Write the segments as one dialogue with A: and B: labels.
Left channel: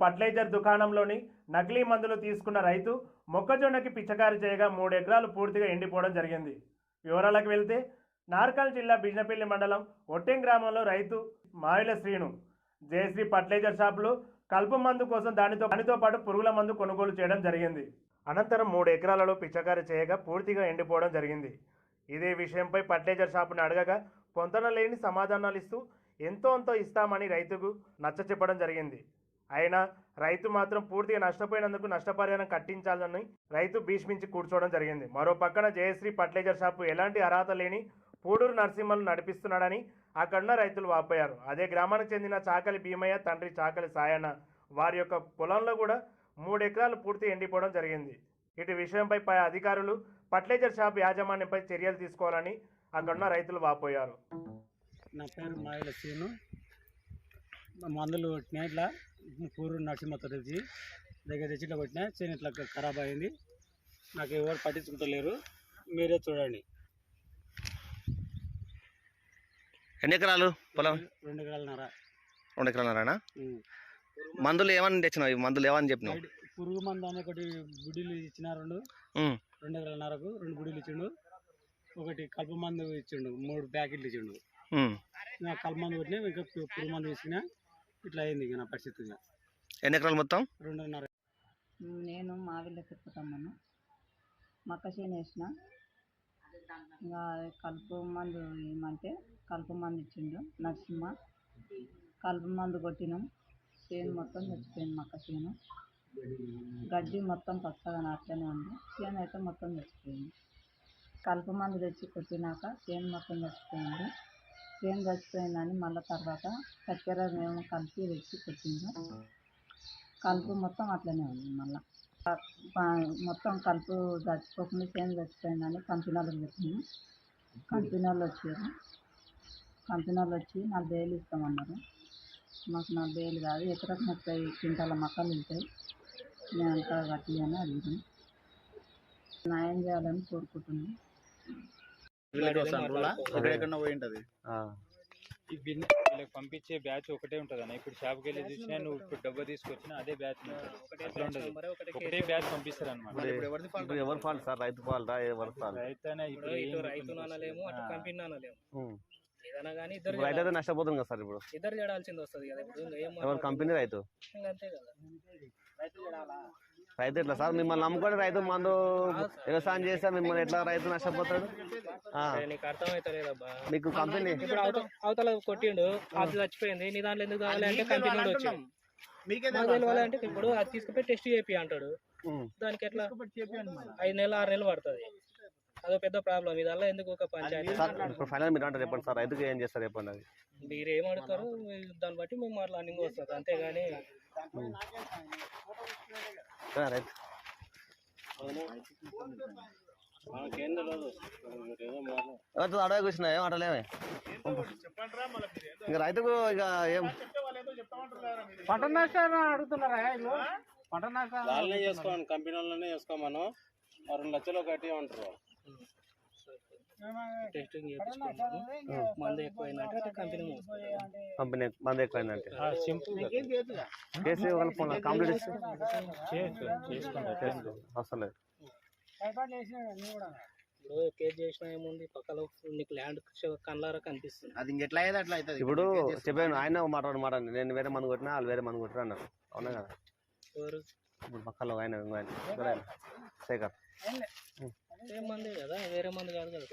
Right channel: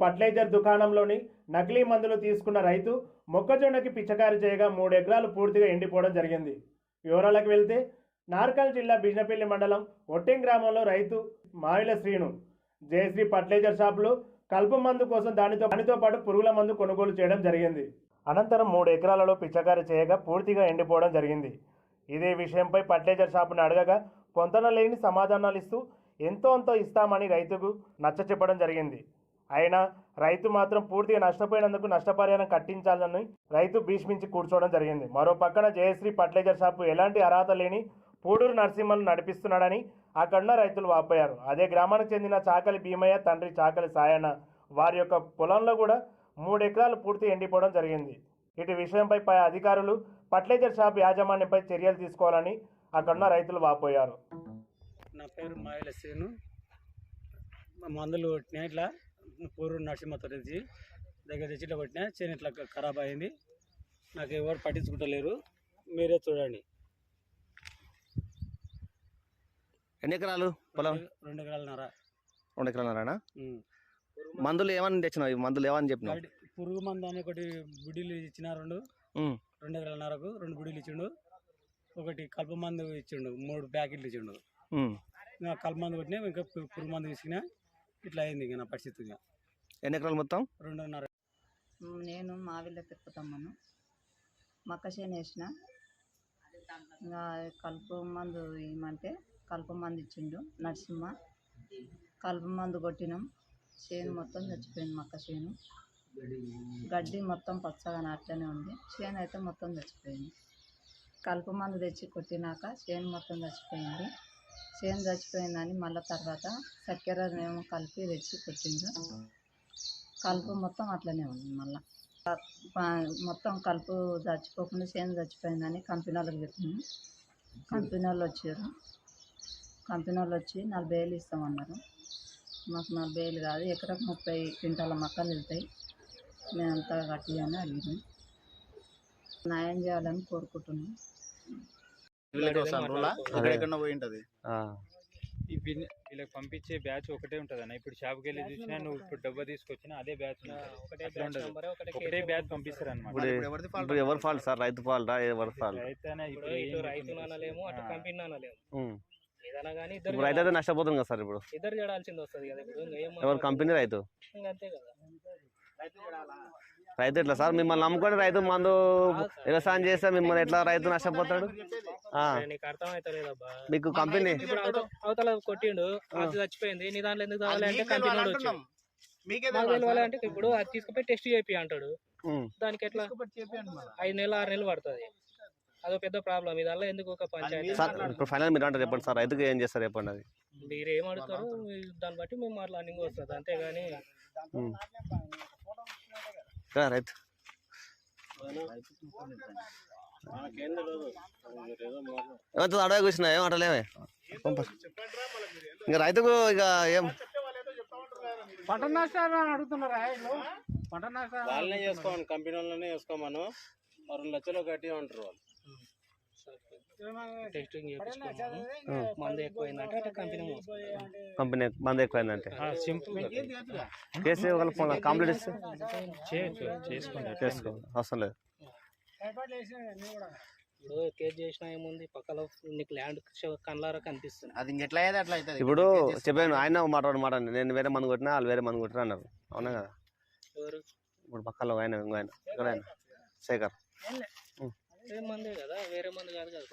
A: Fertiliser దుకాణంలోని నకిలీ మందులు తీసుకున్న రైతు మొక్కజొన్నకి పిచ్చకారి చేయగా మూడు ఎకరాలు పూర్తిగా ఎండిపోవడం జరిగింది. వివరాలకు వెళ్తే నార్కల్ జిల్లా బిజినపల్లి మండలం ఒట్టెం గ్రామంలో రైతు మావిల శ్రీను జయశ్రీ ఫర్టిలైజర్ షాపులో కలుపు మందు కోసం దానితో దానితో పాటు పురుగుల మందు కొనుగోలు చేయడం జరిగింది. అనంతరం మూడు ఎకరాలలో పిచ్చకారి చేయగా పూర్తిగా ఎండిపోవడం జరిగింది. ఇదే విషయంపై ఫర్టిలైజర్ షాపును అడగగా పొంతన లేని సమాధానాలు ఇస్తూ ఎంతో అంతో ఇస్తామని రైతుకు నచ్చ చెప్పడం జరిగింది. అయినా రైతు మాత్రం పూర్తిగా నష్టపోయినందుకు నష్టపరిహారం కట్టించాలని రైతు భీష్మించి కూర్చోవడం జరిగింది. మరో పక్కన జయశ్రీ ఫర్టిలైజర్ షాపు ఎలాంటి అర్హత లేని పూడూరు నరసింహను నడిపిస్తున్నాడని అక్కడున్న రైతులు వాపోయారు. అదే గ్రామానికి చెందిన చాకలి భీమయ్య తండ్రి చాకలి సాయన్న వారి యొక్క పొలంలో కూడా మూడు ఎకరాలు పూర్తి ఎండిపోవడం జరిగింది. ఇటు విషయంపై పై అధికారులు ఫర్టిలైజర్ షాప్ యాజమాన్యంపై చర్యలు తీసుకోవాలని అక్కడున్న రైతులు వాపోయారు.
B: నా పేరు మాయల శ్రీను. మందులు కొట్టినా పూరు నరసింహతో తెచ్చి దగ్గర తెచ్చి ఇట్లా కొట్టినా చేను ఇట్లా ఖరాబ్ అయింది. నాకు ఎవరు పట్టించుకుంటలేరు. మీరే చూడండి.
C: ఎన్ని ఎకరాలు పొలం?
B: రెండు ఎకరాలన్నర
C: రెండు ఎకరాలనా
B: ఉం.
C: మందులు ఏమని తెచ్చినావు? ఈ మందులు ఏమని చెప్పినావు?
B: బయట పురుగు మందు అని ఒకటి బుడ్డీలు ఇచ్చిన రెండు. రెండు ఎకరాలన్నరకు రెండు బుడ్డీలు ఇచ్చిండు. ఒకటి కలుపు మందు ఇచ్చిండు. మూడు ప్యాకెట్లు ఇచ్చిండు. కలుపు మందు కొట్టినా ఇంకా పురుగు మందు ఇచ్చినా ఇట్లా అయింది ఇక నా పరిస్థితి.
C: ఎన్ని ఎకరాలు మొత్తం?
B: రెండున్నర.
D: నేను మావిళ్ళ తిరుపతమ్మను మక్క చేను వేసిన. ఇంకా కలుపు మందు ఇవ్వమంటే కలుపు మందు ఇచ్చిండు నరసింహ. కలుపు మందు కొట్టినాం. చేను మొత్తం చచ్చిపోయింది మక్క చేను. గడ్డి మొత్తం పచ్చగా అట్లనే ఉంది. చేను అయితే మొత్తం చచ్చిపోయింది. కలుపు మందు తెచ్చి కొట్టినాక చేను మొత్తం చచ్చిపోయింది. చేను చచ్చిపోయిందని మళ్ళీ తర్వాత చక్కెర మేము కలిపి తెచ్చి కొట్టిండు కలుపు మొత్తం అట్లనే ఉంది మళ్ళీ. మొత్తం కలుపు చచ్చిపోకుండా చేను చచ్చిపోయిందని కంపెనీ వాళ్ళకి చెప్పినాము కంపెనీ వాళ్ళు వచ్చారు. కంపెనీ వాళ్ళు వచ్చి నలభై వేలు ఇస్తామన్నారు. మాకు నలభై వేలు కాదు ఎకరకు ముప్పై క్వింటాల మొక్కలు వెళ్తాయి. మేము అంతా కట్టి అని అడిగినాం. న్యాయం చేయాలని కోరుకుంటున్నాం.
E: ఈ వీళ్ళకి పంపించే బ్యాచ్ ఒకటే ఉంటుంది అన్న ఇప్పుడు షాప్కి వెళ్ళి చూసినా నువ్వు ఇప్పుడు డబ్బా తీసుకొచ్చినా అదే బ్యాచ్ ఒకటే బ్యాచ్ పంపిస్తారు అనమాట
C: ఇప్పుడు ఎవరు ఫాల్ట్ సార్? రైతు ఫాల్టా ఎవరు ఫాల్ట్
E: రైతు
F: ఇప్పుడు ఇటు రైతును అనలేము అటు కంపెనీ అనలేము ఏదైనా కానీ ఇద్దరు
C: ఇప్పుడు రైతు అయితే నష్టపోతుంది కదా సార్ ఇప్పుడు?
F: ఇద్దరు చేయాల్సింది వస్తుంది కదా ఇప్పుడు.
C: ఎవరు కంపెనీ రైతు?
F: అంతే కదా.
C: రైతు ఎట్లా సార్? మిమ్మల్ని నమ్ముకొని రైతు మందు వ్యవసాయం చేస్తే మిమ్మల్ని ఎట్లా రైతు నష్టపోతాడు
F: నీకు అర్థమైతలేదబ్బా.
C: మీకు కంపెనీ
F: ఇప్పుడు అవతల అవతల కొట్టిండు అది చచ్చిపోయింది నీ దాంట్లో ఎందుకు కావాలి అంటే కంపెనీ వాడు వచ్చాడు.
G: మీకే
F: ఇప్పుడు అది తీసుకుపోయి టెస్ట్ చేపి అంటాడు. దానికి ఎట్లా? ఐదు నెలలు ఆరు నెలలు పడుతుంది. అదో పెద్ద ప్రాబ్లం. ఇది వల్ల ఎందుకు ఒక పంచాయతీ?
C: సార్ ఇప్పుడు ఫైనల్ మీరు అంటే చెప్పండి సార్. రైతుకి ఏం చేస్తారు చెప్పండి అది?
F: మీరు ఏం అడుగుతారో? దాన్ని బట్టి మేము మాట్లాడింగ్ వస్తుంది. అంతేగాని.
C: రైతు. రైతు అడవి కూర్చున్నా ఏం అడలేవే ఇక రైతుకు ఇక ఏం?
B: పంట నష్టాలు అడుగుతున్నారా? పంట నష్టాలు
E: వాళ్ళనే చేసుకోమని కంపెనీ వాళ్ళనే చేసుకోమను. ఆ రెండు లక్షలు కట్టి ఉంటారు
F: టెస్టింగ్ చేయించుకున్నాము మందు ఎక్కువైందంటే అటు కంపెనీ
C: కంపెనీ మంది ఎక్కువైందంటే.
E: సింపుల్
C: కేసు వాళ్ళ కంప్లీట్ ఇస్తే చేసుకో అవసరం లేదు.
F: ఇప్పుడు కేసు చేసినా ఏముంది? పక్కలో నీకు ల్యాండ్ కళ్ళారా కనిపిస్తుంది.
G: అది ఇంకెట్లా అయ్యేది అట్లా అవుతుంది?
C: ఇప్పుడు చెప్పాను ఆయన మాట్లాడు మాట నేను వేరే మంది కొట్టినా వాళ్ళు వేరే మంది కొట్టినా అన్నారు. అవునా కదా?
F: ఎవరు?
C: ఇప్పుడు పక్కలో ఆయన ఇంకో ఆయన. శేఖర్
F: మందే కదా వేరే మందు కాదు కదా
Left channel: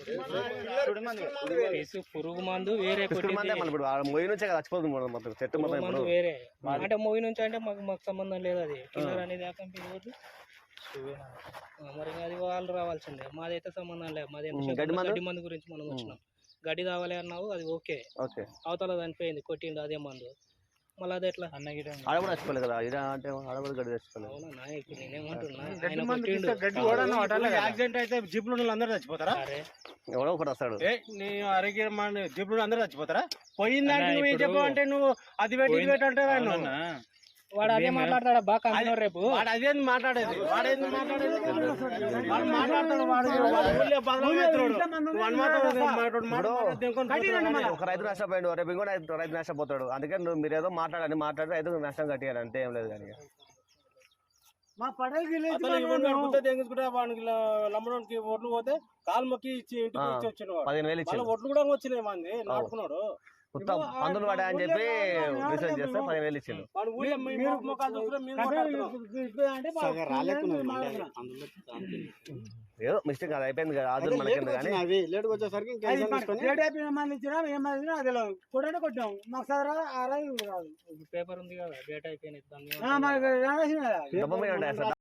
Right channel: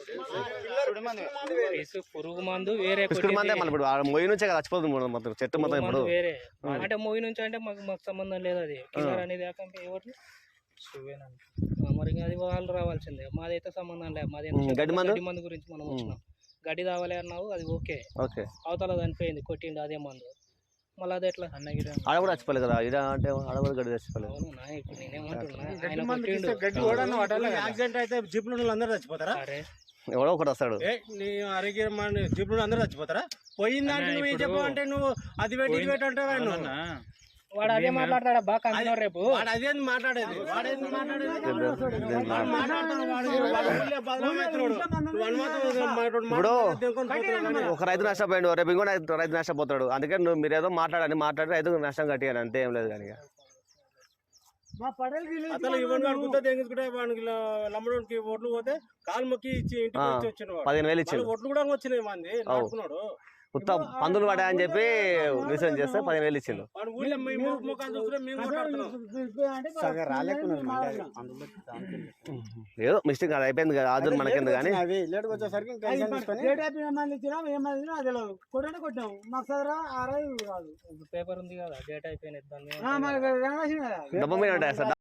F: కేసు పురుగు మందు వేరే.
C: మందే. మళ్ళీ ఇప్పుడు మొయ్యి నుంచే కదా చచ్చిపోతుంది మొత్తం చెట్టు మొత్తం
F: మందు
C: ఇప్పుడు.
F: వేరే. అంటే మూవీ నుంచి అంటే మాకు మాకు సంబంధం లేదు అది. కిల్లర్ అనేది ఎవరిది ఆ, మరి అది వాళ్ళు రావాల్సిందే. మాదైతే సంబంధం లేదు. మాది
C: గడ్డి మందు?
F: గడ్డి మందు గురించి మనం వచ్చినాం. గడ్డి తావాలి అన్నావు అది ఓకే.
C: ఓకే.
F: అవతల చనిపోయింది కొట్టిండు అదే మందు. మళ్ళీ అది ఎట్లా?
E: అన్నగిరి
C: ఆడ కూడా చచ్చిపోలేదు కదా ఇడ అంటే ఆడ కూడా చచ్చిపోలేదు.
B: గడ్డి వాటాలి యాక్సిడెంట్ అయితే జీప్లో అందరూ చచ్చిపోతారా?
C: ఎవడో ఒకటి వస్తాడు.
B: ఏ నీ జీప్లో అందరూ చచ్చిపోతారా? పోయిన దానికి నువ్వు ఏం
E: ఇప్పుడు
B: చెప్పావు అంటే నువ్వు అది పెట్టి ఇది పెట్టి అంటారా
F: వాడు అదే మాట్లాడతాడా? బాగా కంపెనీ రేపు.
B: వాడు అదేంది మాట్లాడేది? మాట్లాడేది? వాడు మాట్లాడతాడు వాడు వాడు ఊళ్ళో బదనామవుతున్నాడు. నువ్వు అనుమానం మాట్లాడు, మాట్లాడు, దేనికొని పోతున్నావు?
C: ఒక రైతు నష్టపోయాడు రేపు ఇంకో రైతు రైతు నష్టపోతాడు అందుకే నువ్వు మీరు ఏదో మాట్లాడండి మాట్లాడి రైతుకు నష్టం కట్టియాలి అంతే ఏం లేదు కానీ అసలు ఇవన్నీ వాడు గుత్త తెగించుకుంటే వానికి లమ్మడానికి ఓట్లు పోతే కాలు మొక్కి ఇచ్చి ఇంటికి. వచ్చి వచ్చిన వాడు. పదిహేను వేలు
B: వాళ్ళ
C: ఇచ్చిండు.
B: ఓట్లు కూడా వచ్చినాయి మంది నాటుకున్నాడు
C: కొత్త మందులు పడా అని చెప్పి రీసెర్చ్ చేస్తే పదిహేను వేలు ఇచ్చిండు. ఏదో మిస్టేక్ అది అయిపోయింది కదా ఆదురు మనకింది కానీ.
F: పేపర్ ఉంది కదా డేట్ అయిపోయినది దాని మీద
C: డబ్బు మీద ఉంటాయి సార్?